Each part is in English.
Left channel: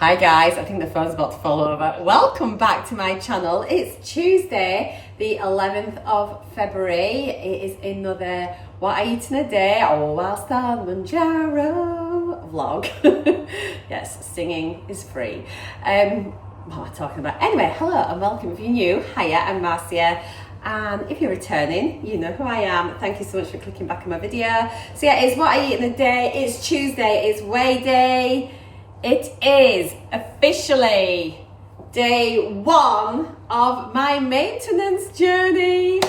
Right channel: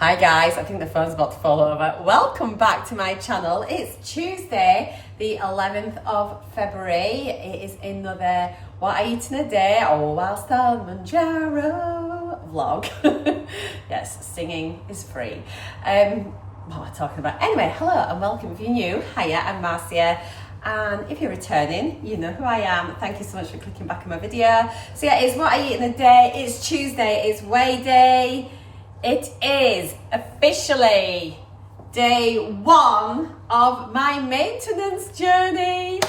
Hi guys, I think the phone's about to fall over. Welcome back to my channel. It's Tuesday, the 11th of February. It is another What I Eat in a Day or whilst on Mounjaro vlog. Yes, singing is free. What am I talking about? Anyway, hello and welcome. If you're new, hiya, I'm Marcia. And if you're returning, you know who I am. Thank you so much for clicking back on my video. So yeah, it's What I Eat in a Day. It's Tuesday, it's weigh day. It is officially day one of my maintenance journey.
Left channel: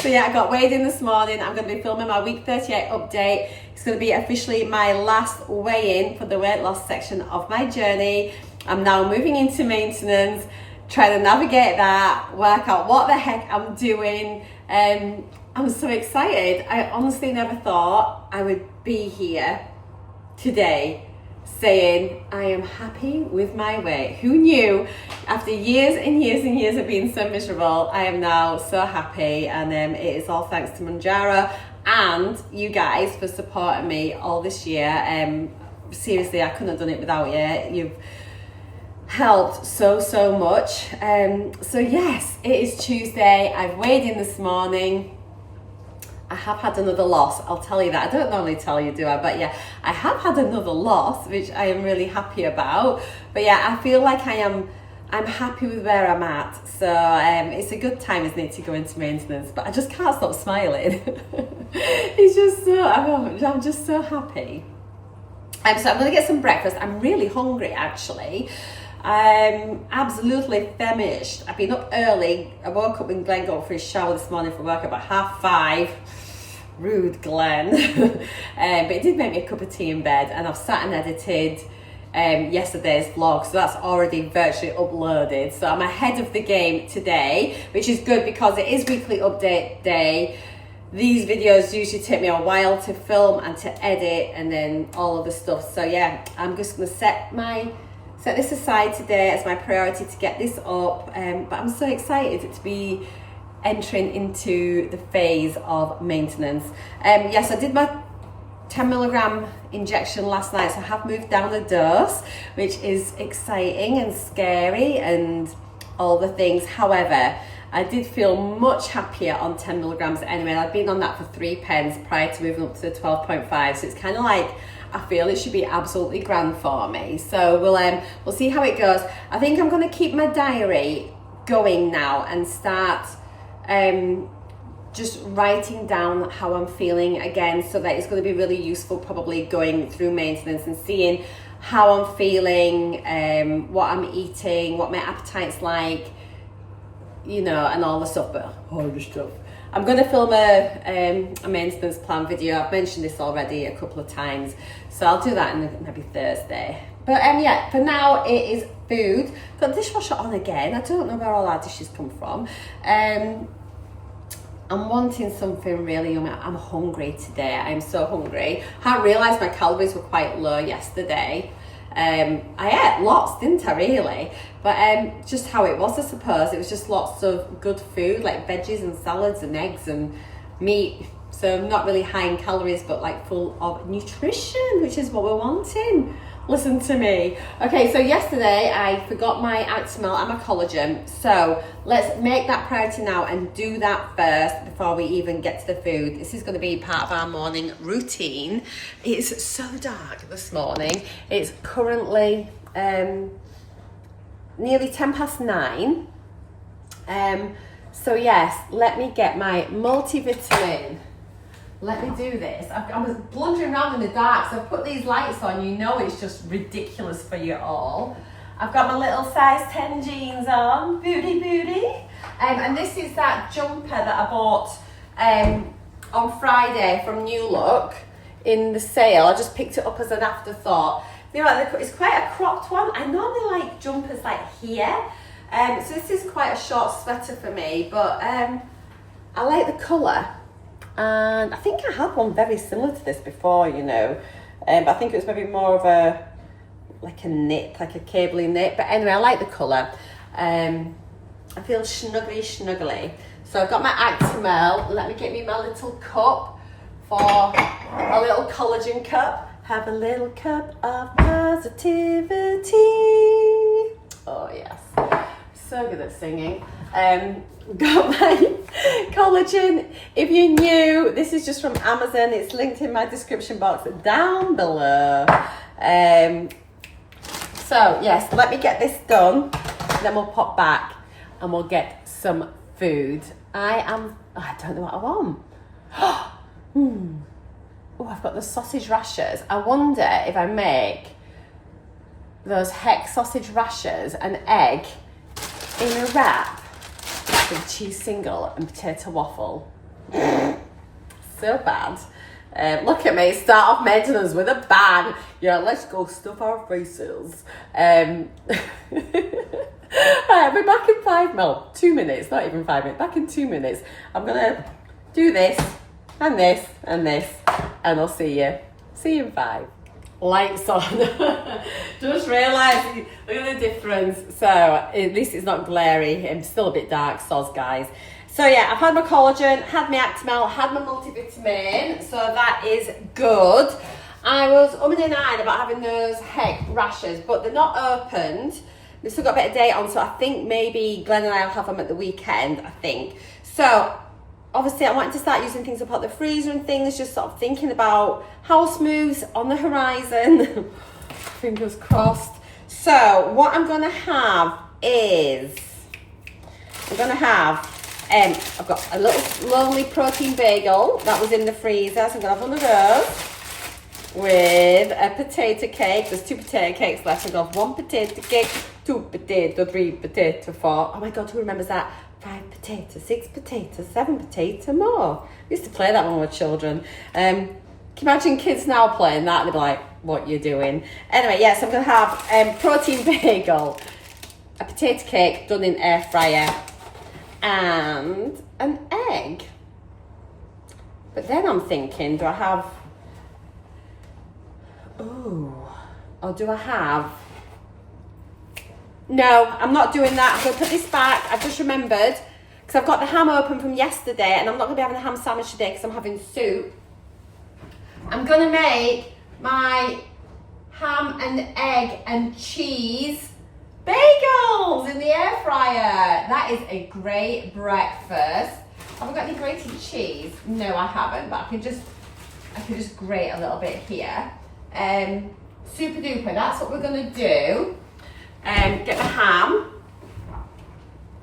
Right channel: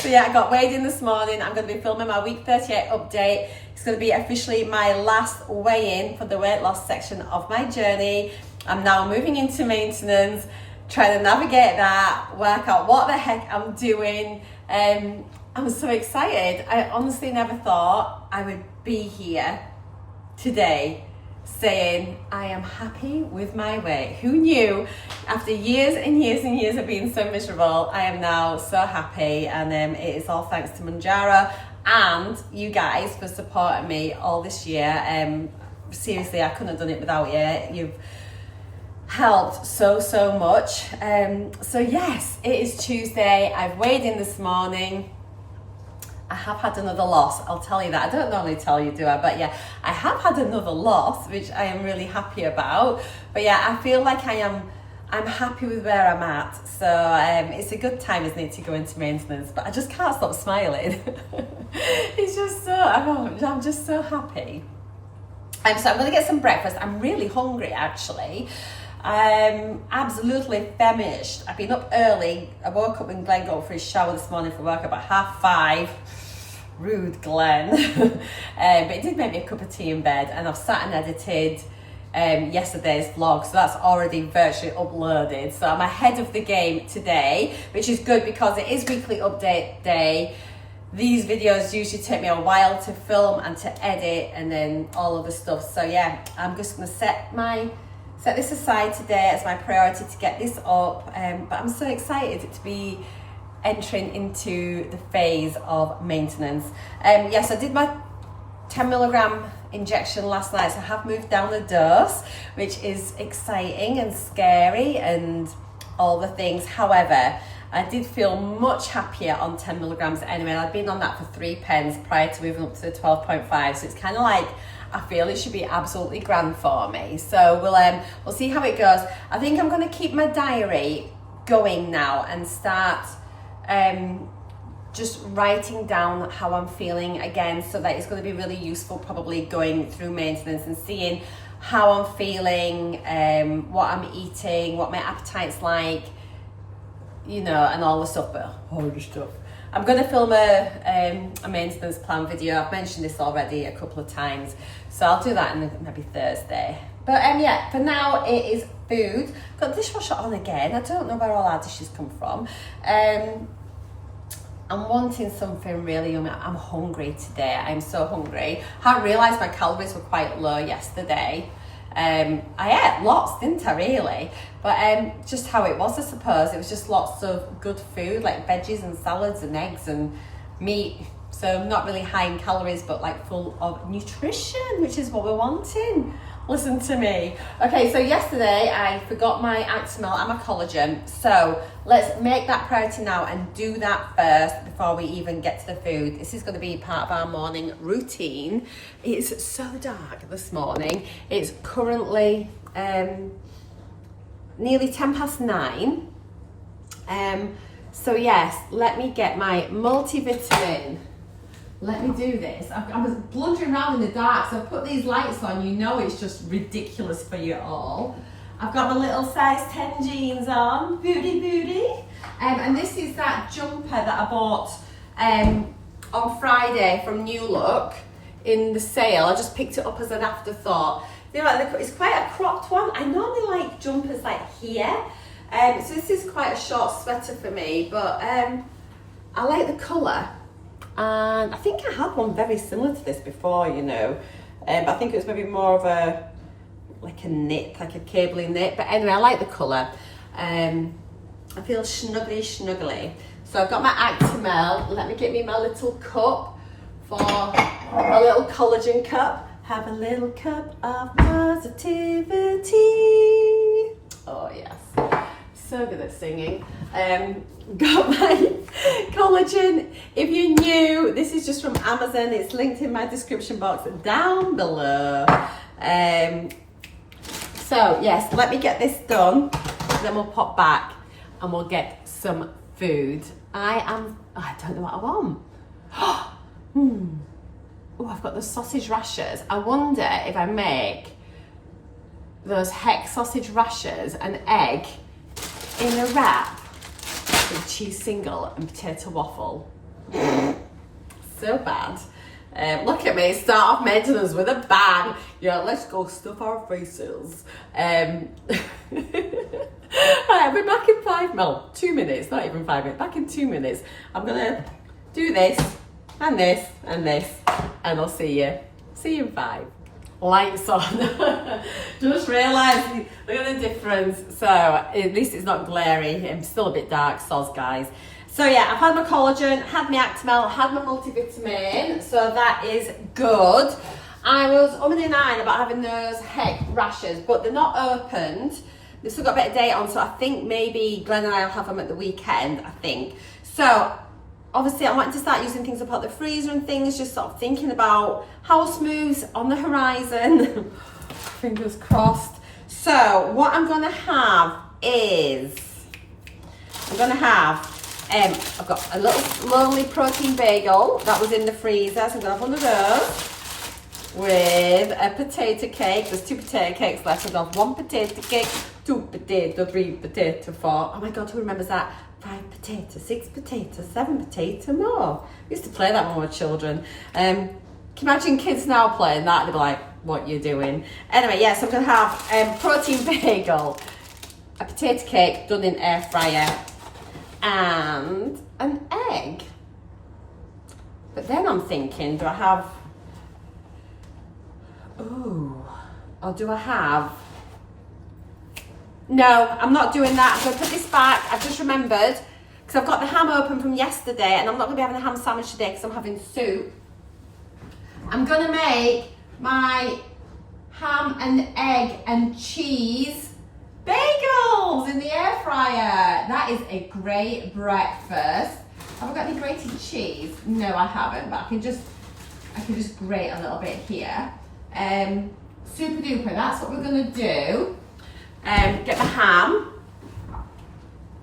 So yeah, I got weighed in this morning. I'm going to be filming my week 38 update. It's going to be officially my last weigh-in for the weight loss section of my journey. I'm now moving into maintenance, trying to navigate that, work out what the heck I'm doing. I'm so excited. I honestly never thought I would be here today saying I am happy with my weight. Who knew? After years and years and years of being so miserable, I am now so happy, and it is all thanks to Mounjaro and you guys for supporting me all this year. Seriously, I couldn't have done it without you. You've helped so much. So yes, it is Tuesday. I've weighed in this morning. I have had another loss, I'll tell you that. I don't normally tell you, do I? But yeah, I have had another loss, which I am really happy about. But yeah, I feel like I'm happy with where I'm at. So it's a good time, isn't it, to go into maintenance? But I just can't stop smiling. It's just so, I'm just so happy. So I'm gonna get some breakfast. I'm really hungry, actually. I'm absolutely famished. I've been up early. I woke up when Glenn got for his shower this morning for work about 5:30. Rude, Glenn. But it did make me a cup of tea in bed, and I've sat and edited yesterday's vlog, so that's already virtually uploaded. So I'm ahead of the game today, which is good because it is weekly update day. These videos usually take me a while to film and to edit and then all of the stuff. So yeah, I'm just gonna set this aside today as my priority to get this up. But I'm so excited to be entering into the phase of maintenance. Yes, I did my 10 milligram injection last night, so I have moved down the dose, which is exciting and scary and all the things. However, I did feel much happier on 10 milligrams anyway. I'd been on that for 3 pens prior to moving up to the 12.5, so it's kind of like, I feel it should be absolutely grand for me. So we'll see how it goes. I think I'm going to keep my diary going now and start just writing down how I'm feeling again, so that it's going to be really useful probably going through maintenance and seeing how I'm feeling, what I'm eating, what my appetite's like, you know, and all the stuff, but all the stuff. I'm going to film a maintenance plan video. I've mentioned this already a couple of times, so I'll do that maybe Thursday. But yeah, for now it is food. Got the dishwasher on again. I don't know where all our dishes come from. I'm wanting something really yummy. I'm hungry today. I'm so hungry. I realised my calories were quite low yesterday. I ate lots, didn't I, really? But just how it was, I suppose. It was just lots of good food, like veggies and salads and eggs and meat. So not really high in calories, but like full of nutrition, which is what we're wanting. Listen to me. Okay, so yesterday I forgot my Actimel and my collagen. So let's make that priority now and do that first before we even get to the food. This is going to be part of our morning routine. It's so dark this morning. It's currently nearly 9:10. So yes, let me get my multivitamin. Let me do this. I was blundering around in the dark, so I put these lights on. You know it's just ridiculous for you all. I've got my little size 10 jeans on, booty. And this is that jumper that I bought on Friday from New Look in the sale. I just picked it up as an afterthought. You know, it's quite a cropped one. I normally like jumpers like here. So this is quite a short sweater for me, but I like the colour. And I think I had one very similar to this before, you know, but I think it was maybe more of a knit, like a cabley knit. But anyway, I like the colour. I feel snuggly. So I've got my Actimel. Let me get me my little cup for a little collagen cup. have a little cup of positivity. Oh yes, so good at singing. Got my collagen. If you're new, this is just from Amazon. It's linked in my description box down below. So yes, let me get this done, then we'll pop back and we'll get some food. I don't know what I want. Oh, I've got the sausage rashers. I wonder if I make those heck sausage rashers an egg in a wrap with cheese single and potato waffle. So bad. Look at me, start off maintenance with a bang. Yeah, let's go stuff our faces. Alright, I'll be back in 2 minutes, not even 5 minutes, back in 2 minutes. I'm gonna do this, and this, and this, and I'll see you in 5. Lights on. Just realised, look at the difference. So at least it's not glary. I'm still a bit dark, soz guys. So yeah, I've had my collagen, had my Actimel, had my multivitamin, so that is good. I was umming and ahhing about having those heck rashers, but they're not opened. They've still got a bit of date on, so I think maybe Glenn and I will have them at the weekend, I think. So obviously I wanted to start using things up at the freezer and things, just sort of thinking about house moves on the horizon. Fingers crossed. So what I'm gonna have is, I've got a little lonely protein bagel that was in the freezer, so I'm gonna have one of those with a potato cake. There's 2 potato cakes left. I'm gonna have 1 potato cake, 2 potato, 3 potato, 4. Oh my God, who remembers that? 5 potato, 6 potato, 7 potato more. We used to play that when we were children. Can you imagine kids now playing that? They'd be like, what you doing? Anyway, yes, I'm gonna have protein bagel, a potato cake done in air fryer, and an egg. But then I'm thinking, do I have, or do I have, no, I'm not doing that. I'm gonna put this back. I've just remembered, because I've got the ham open from yesterday, and I'm not gonna be having a ham sandwich today because I'm having soup. I'm gonna make my ham and egg and cheese bagels in the air fryer. That is a great breakfast. Have I got any grated cheese? No, I haven't, but I can just grate a little bit here. Super duper, that's what we're gonna do. Get my ham.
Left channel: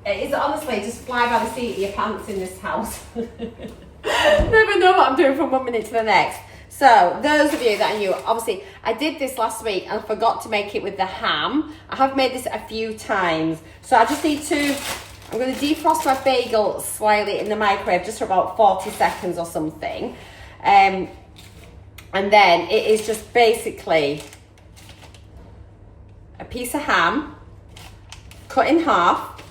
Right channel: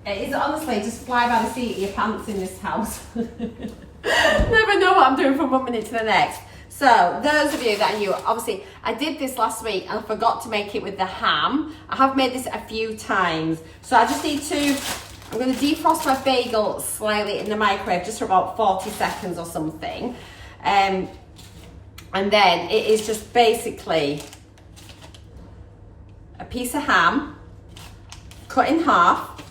It is honestly just fly by the seat of your pants in this house. Never know what I'm doing from 1 minute to the next. So those of you that are new, obviously I did this last week and I forgot to make it with the ham. I have made this a few times. So I just need to, I'm going to defrost my bagel slightly in the microwave just for about 40 seconds or something. And then it is just basically a piece of ham cut in half,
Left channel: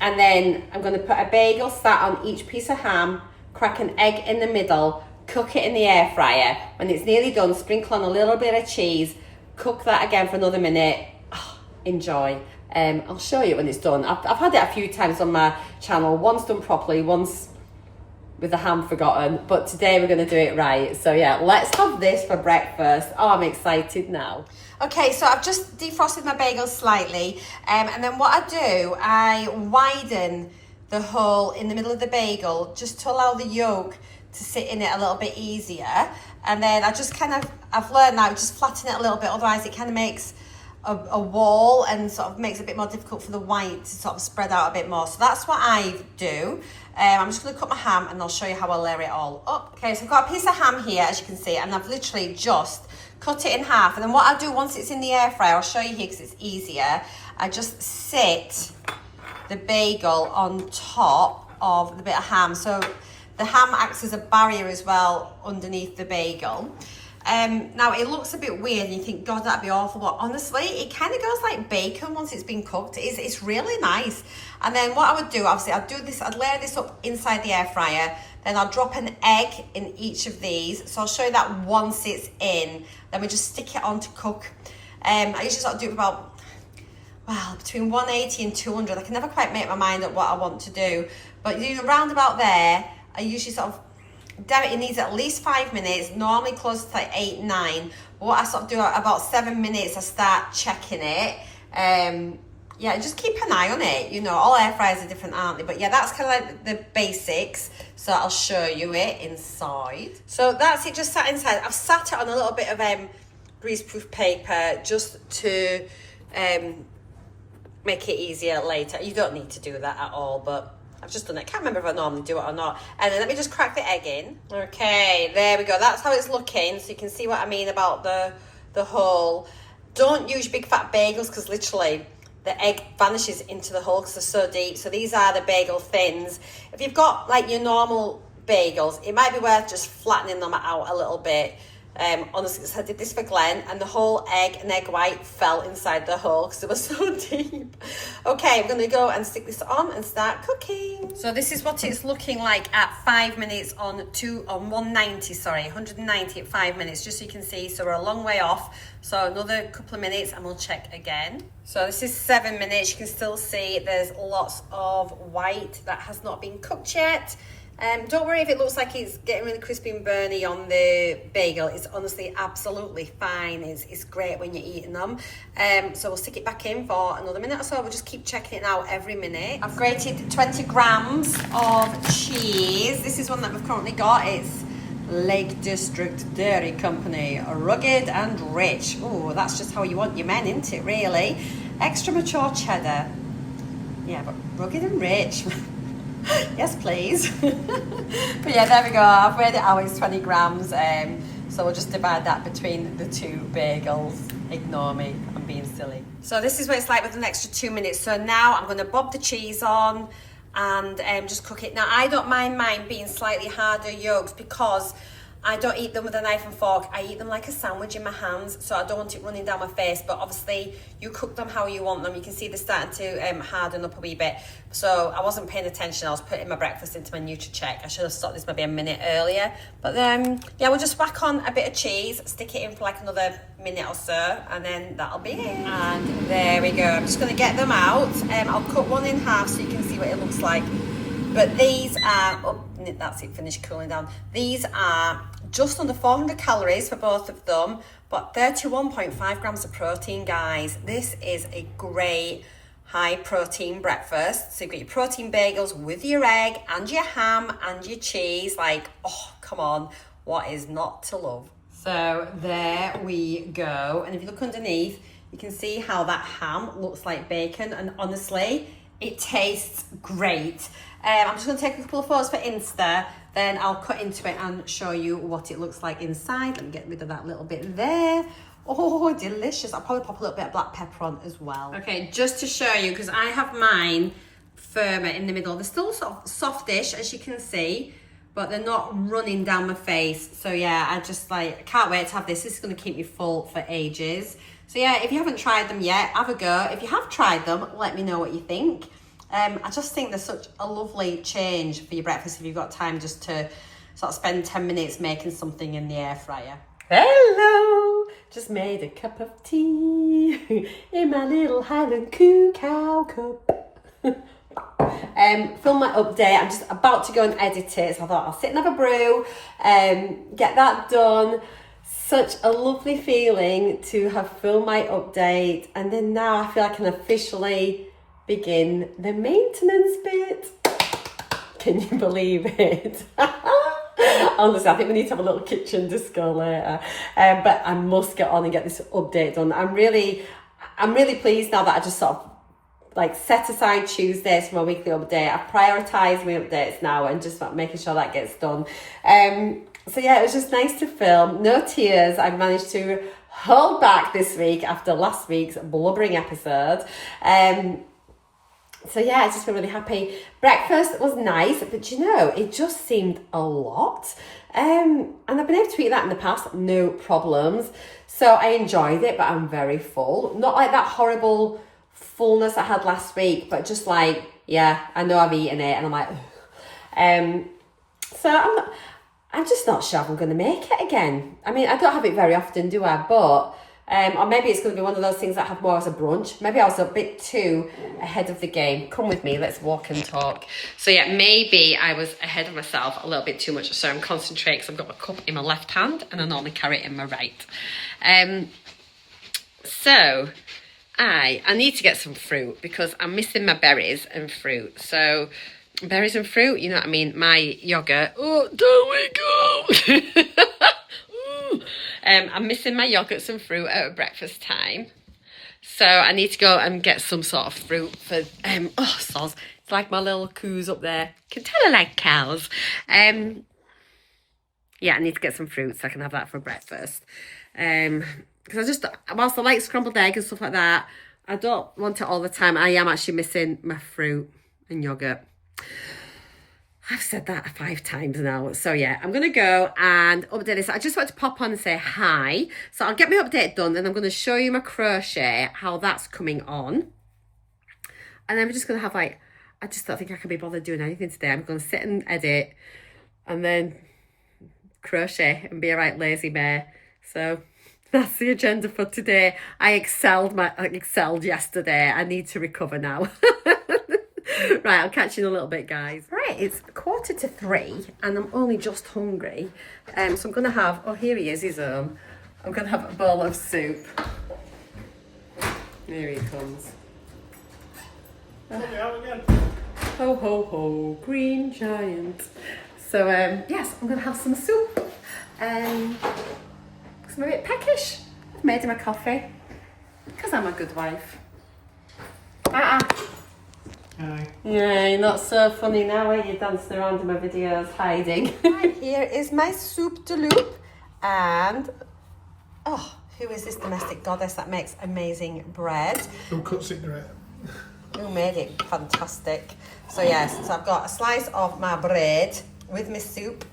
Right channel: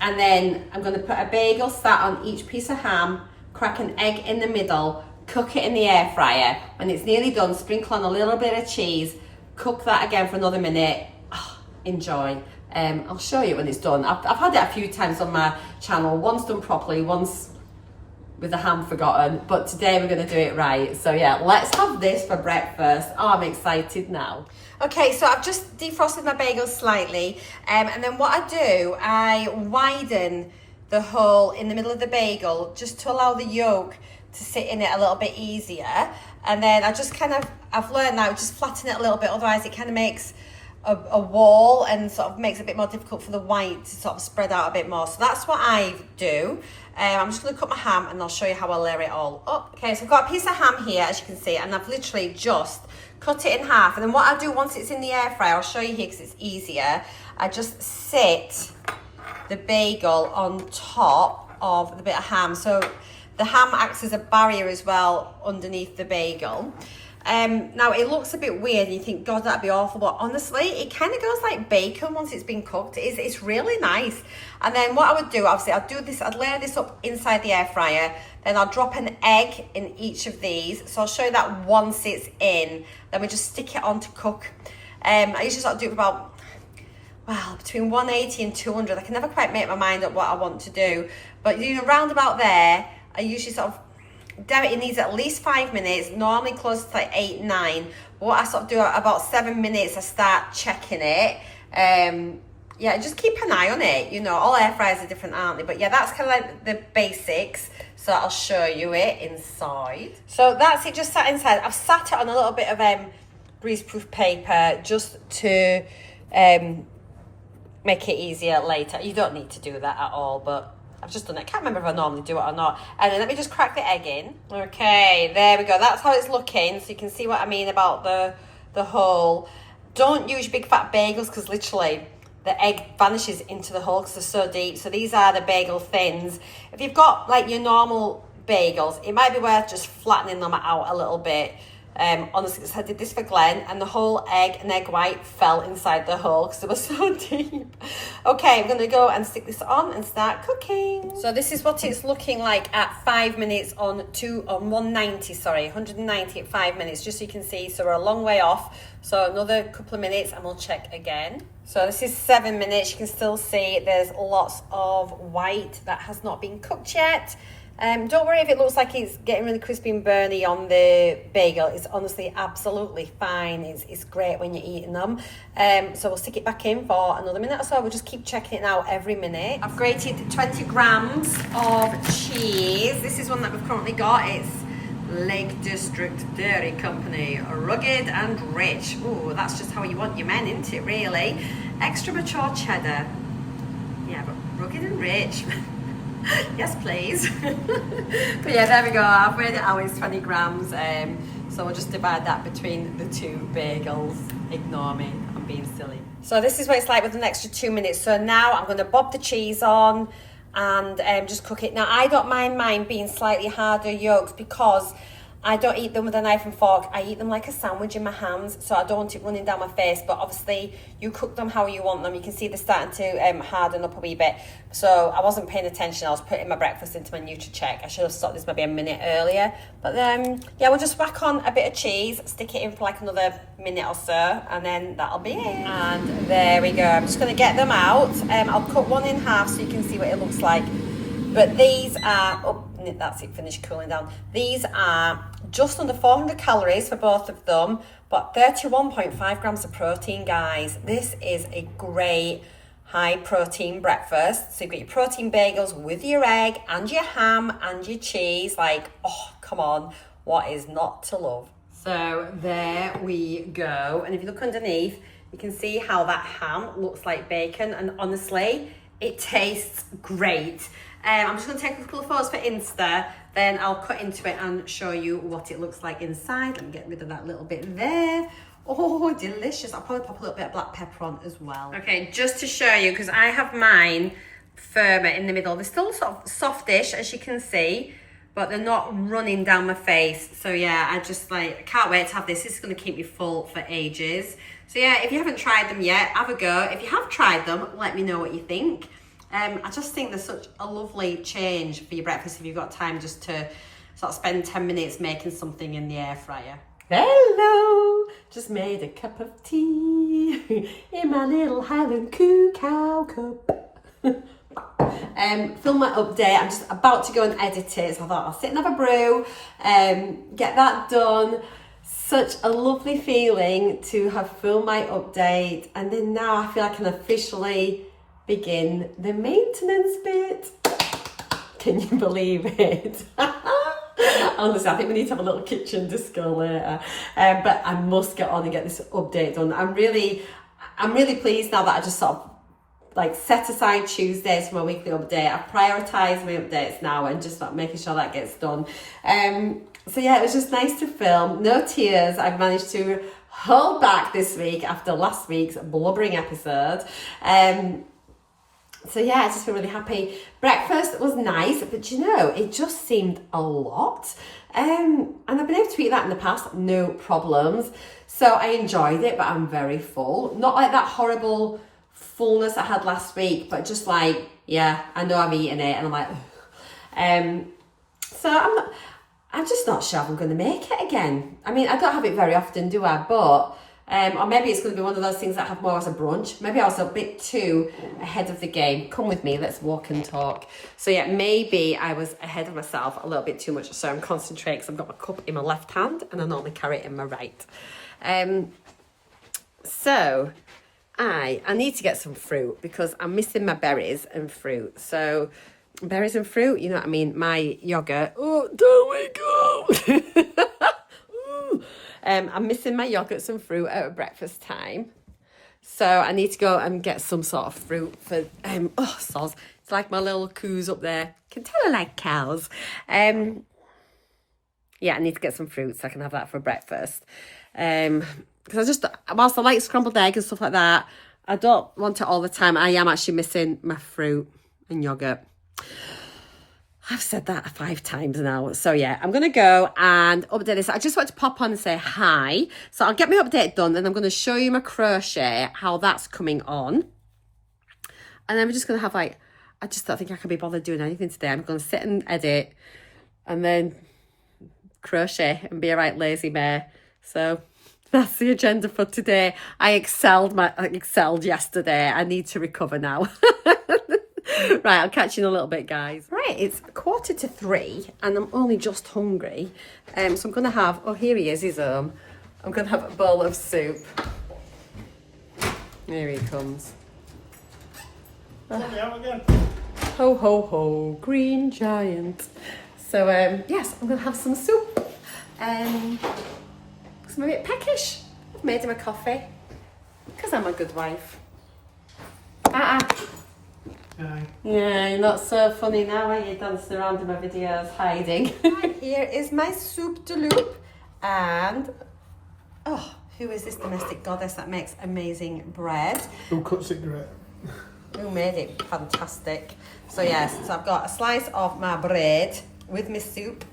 and then I'm going to put a bagel sat on each piece of ham, crack an egg in the middle, cook it in the air fryer. When it's nearly done, sprinkle on a little bit of cheese, cook that again for another minute. Oh, enjoy. I'll show you when it's done. I've had it a few times on my channel, once done properly, once with the ham forgotten, but today we're going to do it right. So yeah, let's have this for breakfast. Oh, I'm excited now. Okay, so I've just defrosted my bagel slightly, and then what I do, I widen the hole in the middle of the bagel just to allow the yolk to sit in it a little bit easier. And then I just I've learned now, just flatten it a little bit, otherwise it kind of makes a wall and sort of makes it a bit more difficult for the white to sort of spread out a bit more. So that's what I do. I'm just going to cut my ham and I'll show you how I layer it all up. Okay, so I've got a piece of ham here, as you can see, and I've literally just cut it in half. And then what I do once it's in the air fryer, I'll show you here because it's easier, I just sit the bagel on top of the bit of ham. So the ham acts as a barrier as well underneath the bagel. Now it looks a bit weird and you think, God, that'd be awful, but honestly it kind of goes like bacon once it's been cooked. It's really nice. And then what I would do, obviously I'd layer this up inside the air fryer, then I'll drop an egg in each of these. So I'll show you that once it's in, then we just stick it on to cook. I usually sort of do it about, well, between 180 and 200. I can never quite make my mind up what I want to do, but you know, round about there, I usually sort of it needs at least 5 minutes, normally close to like 8, 9. But what I sort of do at about 7 minutes, I start checking it. Yeah, just keep an eye on it. You know, all air fryers are different, aren't they? But yeah, that's kind of like the basics. So I'll show you it inside. So that's it, just sat inside. I've sat it on a little bit of greaseproof paper just to make it easier later. You don't need to do that at all, but I've just done it. I can't remember if I normally do it or not. And then let me just crack the egg in. Okay, there we go. That's how it's looking. So you can see what I mean about the hole. Don't use big fat bagels because literally the egg vanishes into the hole because they're so deep. So these are the bagel thins. If you've got like your normal bagels, it might be worth just flattening them out a little bit. Honestly, I did this for Glenn and the whole egg and egg white fell inside the hole because it was so deep. Okay, we're going to go and stick this on and start cooking. So this is what it's looking like at 5 minutes on 190 at 5 minutes, just so you can see. So we're a long way off. So another couple of minutes and we'll check again. So this is 7 minutes. You can still see there's lots of white that has not been cooked yet. Don't worry if it looks like it's getting really crispy and burny on the bagel. It's honestly absolutely fine. It's great when you're eating them. So we'll stick it back in for another minute or so. We'll just keep checking it now every minute. I've grated 20 grams of cheese. This is one that we've currently got. It's Lake District Dairy Company, rugged and rich. Oh, that's just how you want your men, isn't it, really? Extra mature cheddar. Yeah, but rugged and rich. Yes, please. But yeah, there we go. I've weighed it out, it's 20 grams. So we'll just divide that between the two bagels. Ignore me, I'm being silly. So this is what it's like with an extra 2 minutes. So now I'm going to bob the cheese on and just cook it. Now, I don't mind mine being slightly harder yolks because I don't eat them with a knife and fork. I eat them like a sandwich in my hands, so I don't want it running down my face. But obviously, you cook them how you want them. You can see they're starting to harden up a wee bit. So I wasn't paying attention. I was putting my breakfast into my NUTRACHECK. I should have stopped this maybe a minute earlier. But then, yeah, we'll just whack on a bit of cheese, stick it in for like another minute or so, and then that'll be it. And there we go. I'm just going to get them out. I'll cut one in half so you can see what it looks like. But these are, oh, that's it, finished cooling down. These are just under 400 calories for both of them, but 31.5 grams of protein, guys. This is a great high protein breakfast. So you've got your protein bagels with your egg and your ham and your cheese. Like, oh, come on, what is not to love? So there we go. And if you look underneath, you can see how that ham looks like bacon. And honestly, it tastes great. I'm just going to take a couple of photos for Insta, then I'll cut into it and show you what it looks like inside. Let me get rid of that little bit there. Oh, delicious. I'll probably pop a little bit of black pepper on as well. Okay, just to show you, because I have mine firmer in the middle. They're still sort of softish, as you can see, but they're not running down my face. So yeah, I can't wait to have this. This is going to keep me full for ages. So yeah, if you haven't tried them yet, have a go. If you have tried them, let me know what you think. I just think there's such a lovely change for your breakfast if you've got time just to sort of spend 10 minutes making something in the air fryer. Hello! Just made a cup of tea in my little Highland cacao cup. Film my update. I'm just about to go and edit it, so I thought I'll sit and have a brew, get that done. Such a lovely feeling to have filmed my update, and then now I feel I can officially begin the maintenance bit. Can you believe it? Honestly, I think we need to have a little kitchen disco later. But I must get on and get this update done. I'm really pleased now that I just sort of like set aside Tuesdays for my weekly update. I've prioritised my updates now and just like making sure that gets done. So yeah, it was just nice to film. No tears. I've managed to hold back this week after last week's blubbering episode. So yeah, I just feel really happy. Breakfast was nice, but you know, it just seemed a lot. And I've been able to eat that in the past, no problems. So I enjoyed it, but I'm very full. Not like that horrible fullness I had last week, but just like, yeah, I know I've eaten it and I'm like, so I'm just not sure if I'm going to make it again. I mean, I don't have it very often, do I? But Or maybe it's going to be one of those things that I have more as a brunch. Maybe I was a bit too ahead of the game. Come with me, let's walk and talk. So yeah, maybe I was ahead of myself a little bit too much. So I'm concentrating because I've got my cup in my left hand and I normally carry it in my right. So I need to get some fruit because I'm missing my berries and fruit. So berries and fruit, you know what I mean? My yogurt. Oh, don't wake up! I'm missing my yogurts and fruit at breakfast time. So I need to go and get some sort of fruit for, oh, soz. It's like my little coos up there. Can tell I like cows. Yeah, I need to get some fruit so I can have that for breakfast. Because whilst I like scrambled egg and stuff like that, I don't want it all the time. I am actually missing my fruit and yogurt. I've said that 5 times now. So yeah, I'm going to go and update this. I just want to pop on and say hi. So I'll get my update done and I'm going to show you my crochet, how that's coming on. And then we're just going to have I just don't think I can be bothered doing anything today. I'm going to sit and edit and then crochet and be a right lazy bear. So that's the agenda for today. I excelled yesterday. I need to recover now. Right, I'll catch you in a little bit, guys. Right, it's 2:45 and I'm only just hungry. So I'm going to have, oh, here he is, I'm going to have a bowl of soup. Here he comes. Ho, ho, ho, green giant. So, yes, I'm going to have some soup. Because I'm a bit peckish. I've made him a coffee. Because I'm a good wife. Hi. Yeah, you're not so funny now, are you? Dancing around in my videos, hiding. Right, here is my soup de loup. And, oh, who is this domestic goddess that makes amazing bread? Who cuts it great? Who made it fantastic? So yes, so I've got a slice of my bread with my soup.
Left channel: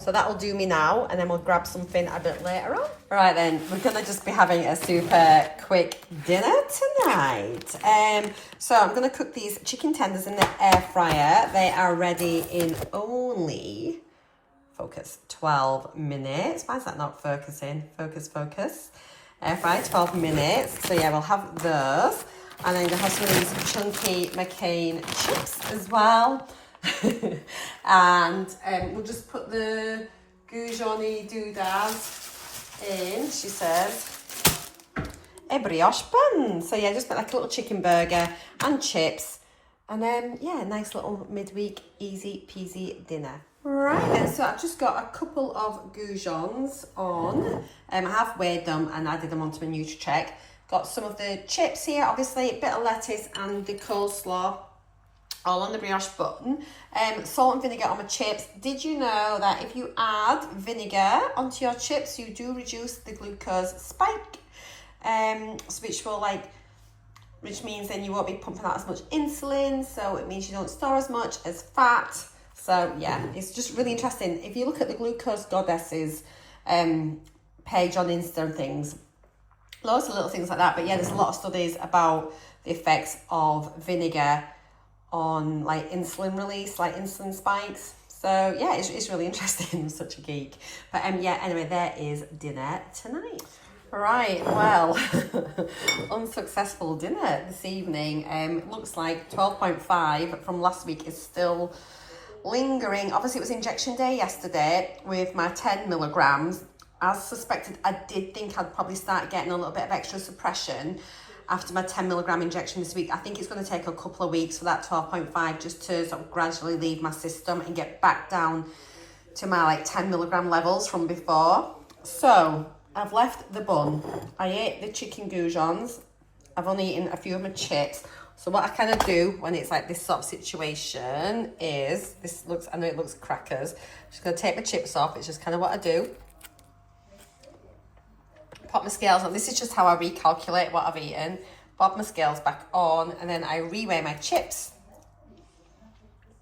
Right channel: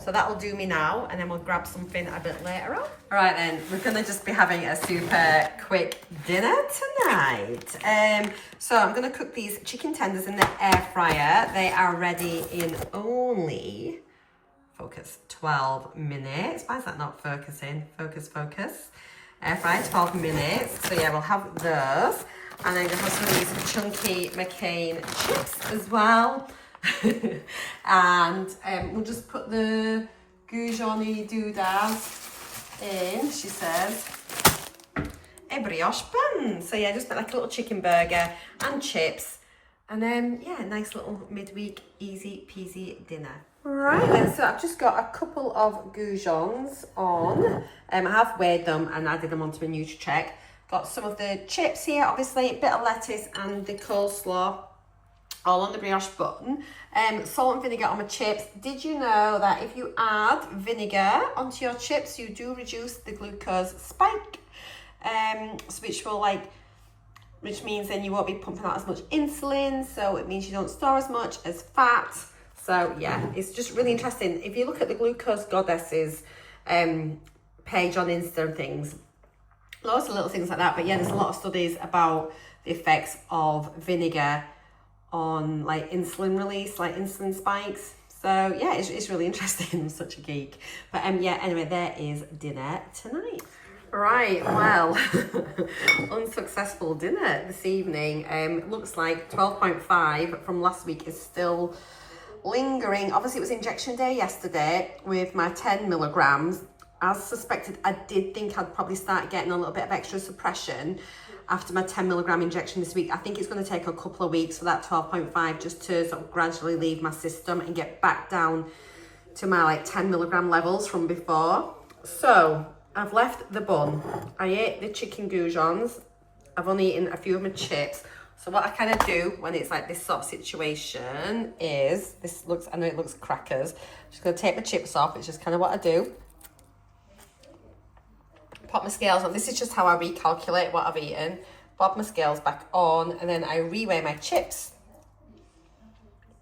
So that'll do me now, and then we'll grab something a bit later on. All right then, we're gonna just be having a super quick dinner tonight. So I'm gonna cook these chicken tenders in the air fryer. They are ready in only, focus, 12 minutes. Why is that not focusing? Focus. Air fry, 12 minutes. So yeah, we'll have those. And then we'll have some of these chunky McCain chips as well. And we'll just put the goujoni doodads in, she says. A brioche bun. So yeah, just like a little chicken burger and chips. And then, yeah, nice little midweek easy peasy dinner. Right then, so I've just got a couple of goujons on. I have weighed them and added them onto my NUTRACHECK. Got some of the chips here, obviously, a bit of lettuce and the coleslaw. All on the brioche bun. Salt and vinegar on my chips. Did you know that if you add vinegar onto your chips, you do reduce the glucose spike? Which means then you won't be pumping out as much insulin. So it means you don't store as much as fat. So yeah, it's just really interesting. If you look at the Glucose Goddesses page on Insta and things, lots of little things like that. But yeah, there's a lot of studies about the effects of vinegar on like insulin release, like insulin spikes. So yeah, it's really interesting. I'm such a geek. But yeah, anyway, there is dinner tonight. Right, well, unsuccessful dinner this evening. It looks like 12.5 from last week is still lingering. Obviously, it was injection day yesterday with my 10 milligrams. As suspected, I did think I'd probably start getting a little bit of extra suppression after my 10 milligram injection this week. I think it's going to take a couple of weeks for that 12.5 just to sort of gradually leave my system and get back down to my like 10 milligram levels from before. So I've left the bun. I ate the chicken goujons. I've only eaten a few of my chips. So what I kind of do when it's like this sort of situation is, I know it looks crackers. I'm just going to take my chips off. It's just kind of what I do. Pop my scales on. This is just how I recalculate what I've eaten. Pop my scales back on, and then I reweigh my chips.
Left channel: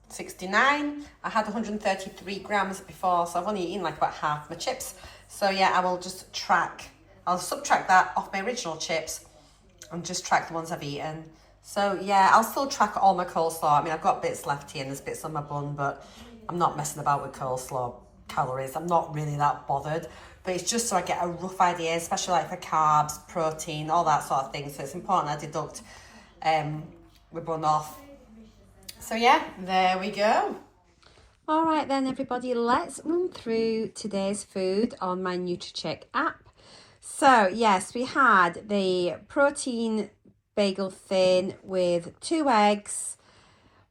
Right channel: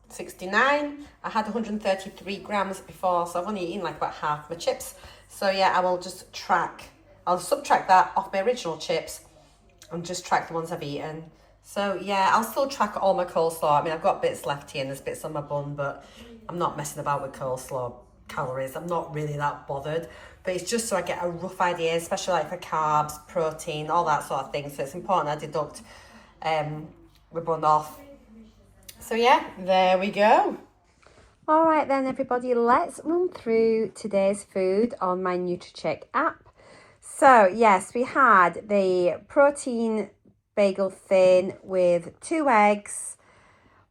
69. I had 133 grams before, so I've only eaten like about half my chips. So yeah, I will just I'll subtract that off my original chips and just track the ones I've eaten. So yeah, I'll still track all my coleslaw. I mean, I've got bits left here and there's bits on my bun, but I'm not messing about with coleslaw calories. I'm not really that bothered. but it's just so I get a rough idea, especially like for carbs, protein, all that sort of thing. So it's important I deduct the bun off. So yeah, there we go. All right then, everybody, let's run through today's food on my NUTRACHECK app. So yes, we had the protein bagel thin with 2 eggs,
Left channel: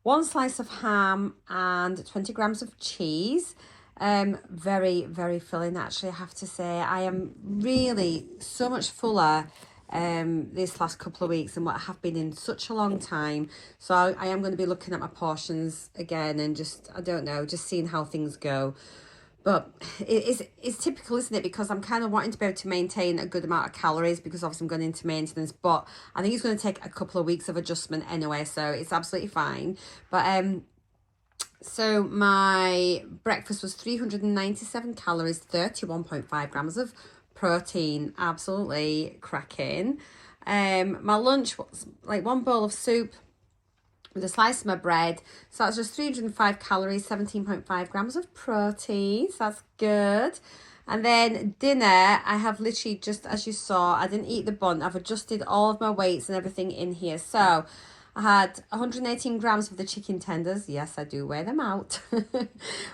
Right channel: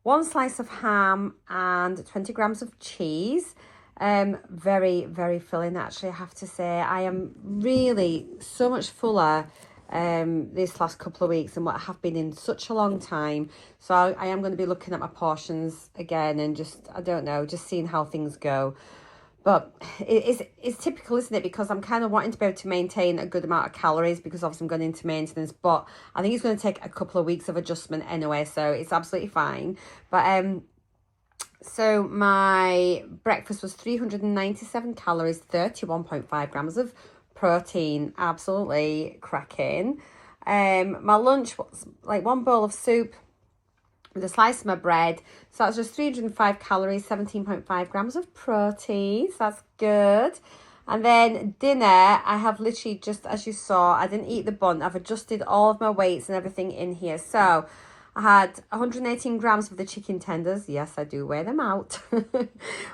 1 slice of ham and 20 grams of cheese. Very, very filling, actually, I have to say. I am really so much fuller this last couple of weeks than what I have been in such a long time. So I am going to be looking at my portions again and just, I don't know, just seeing how things go. But it's typical, isn't it? Because I'm kind of wanting to be able to maintain a good amount of calories because obviously I'm going into maintenance. But I think it's going to take a couple of weeks of adjustment anyway, so it's absolutely fine. But so my breakfast was 397 calories, 31.5 grams of protein, absolutely cracking. My lunch was like 1 bowl of soup with a slice of my bread. So that's just 305 calories, 17.5 grams of protein. So that's good. And then dinner, I have literally just, as you saw, I didn't eat the bun. I've adjusted all of my weights and everything in here. So I had 118 grams of the chicken tenders. Yes, I do weigh them out.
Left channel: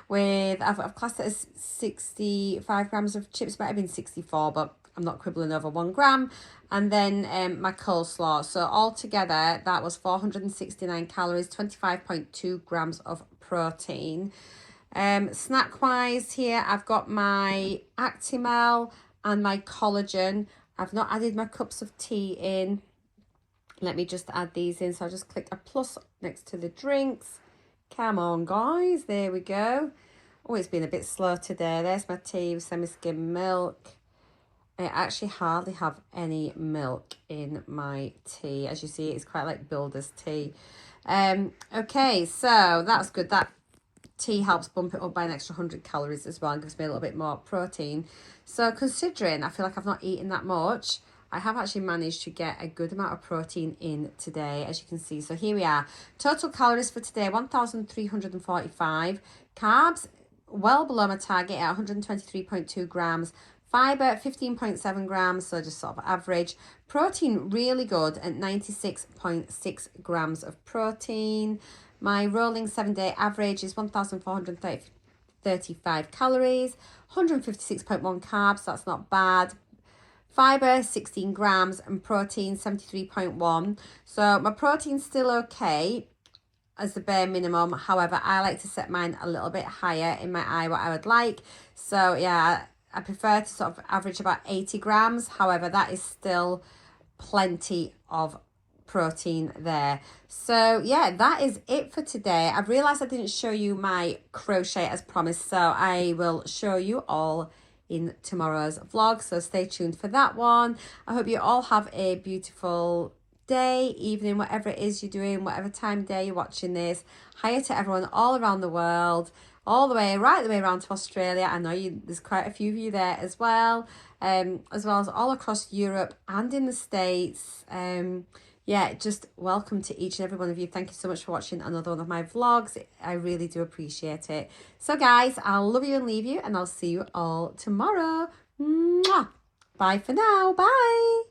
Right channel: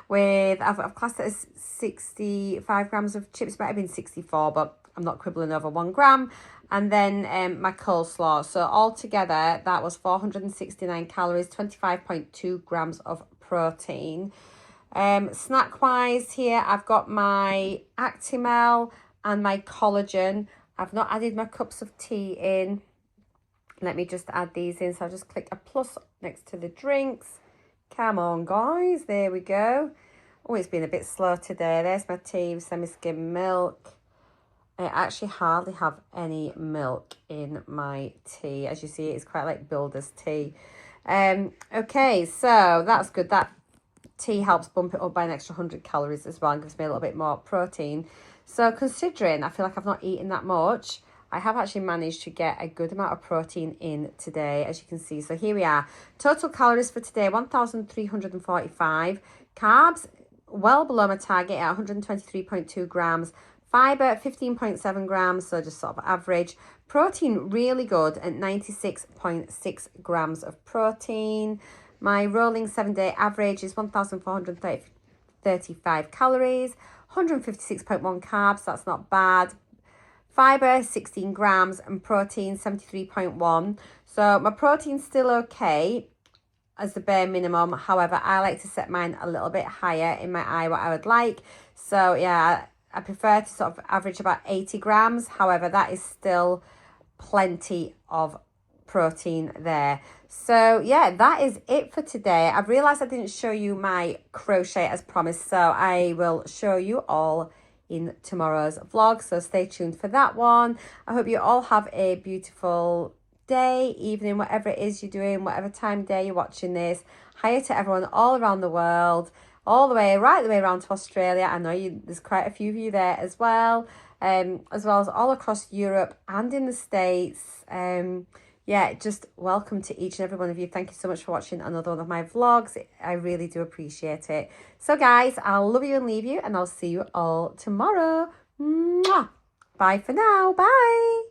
I've classed it as 65 grams of chips. Might have been 64, but I'm not quibbling over 1 gram. And then my coleslaw. So altogether, that was 469 calories, 25.2 grams of protein. Snack-wise here, I've got my Actimel and my collagen. I've not added my cups of tea in. Let me just add these in. So I'll just click a plus next to the drinks. Come on, guys. There we go. Oh, it's been a bit slow today. There's my tea with semi-skim milk. I actually hardly have any milk in my tea. As you see, it's quite like builder's tea. Okay, so that's good. That tea helps bump it up by an extra 100 calories as well and gives me a little bit more protein. So considering I feel like I've not eaten that much, I have actually managed to get a good amount of protein in today, as you can see. So here we are. Total calories for today, 1,345. Carbs, well below my target at 123.2 grams. Fibre, 15.7 grams, so just sort of average. Protein, really good at 96.6 grams of protein. My rolling 7-day average is 1,435 calories, 156.1 carbs, that's not bad. Fibre, 16 grams, and protein, 73.1. So my protein's still okay as the bare minimum. However, I like to set mine a little bit higher in my eye, what I would like. So yeah, I prefer to sort of average about 80 grams. However, that is still plenty of protein there. So yeah, that is it for today. I've realized I didn't show you my crochet as promised, so I will show you all in tomorrow's vlog, so stay tuned for that one. I hope you all have a beautiful day, evening, whatever it is you're doing, whatever time of day you're watching this. Hiya to everyone all around the world, all the way, right the way around to Australia. I know there's quite a few of you there as well as all across Europe and in the States. Yeah, just welcome to each and every one of you. Thank you so much for watching another one of my vlogs. I really do appreciate it. So guys, I'll love you and leave you, and I'll see you all tomorrow. Mwah! Bye for now. Bye.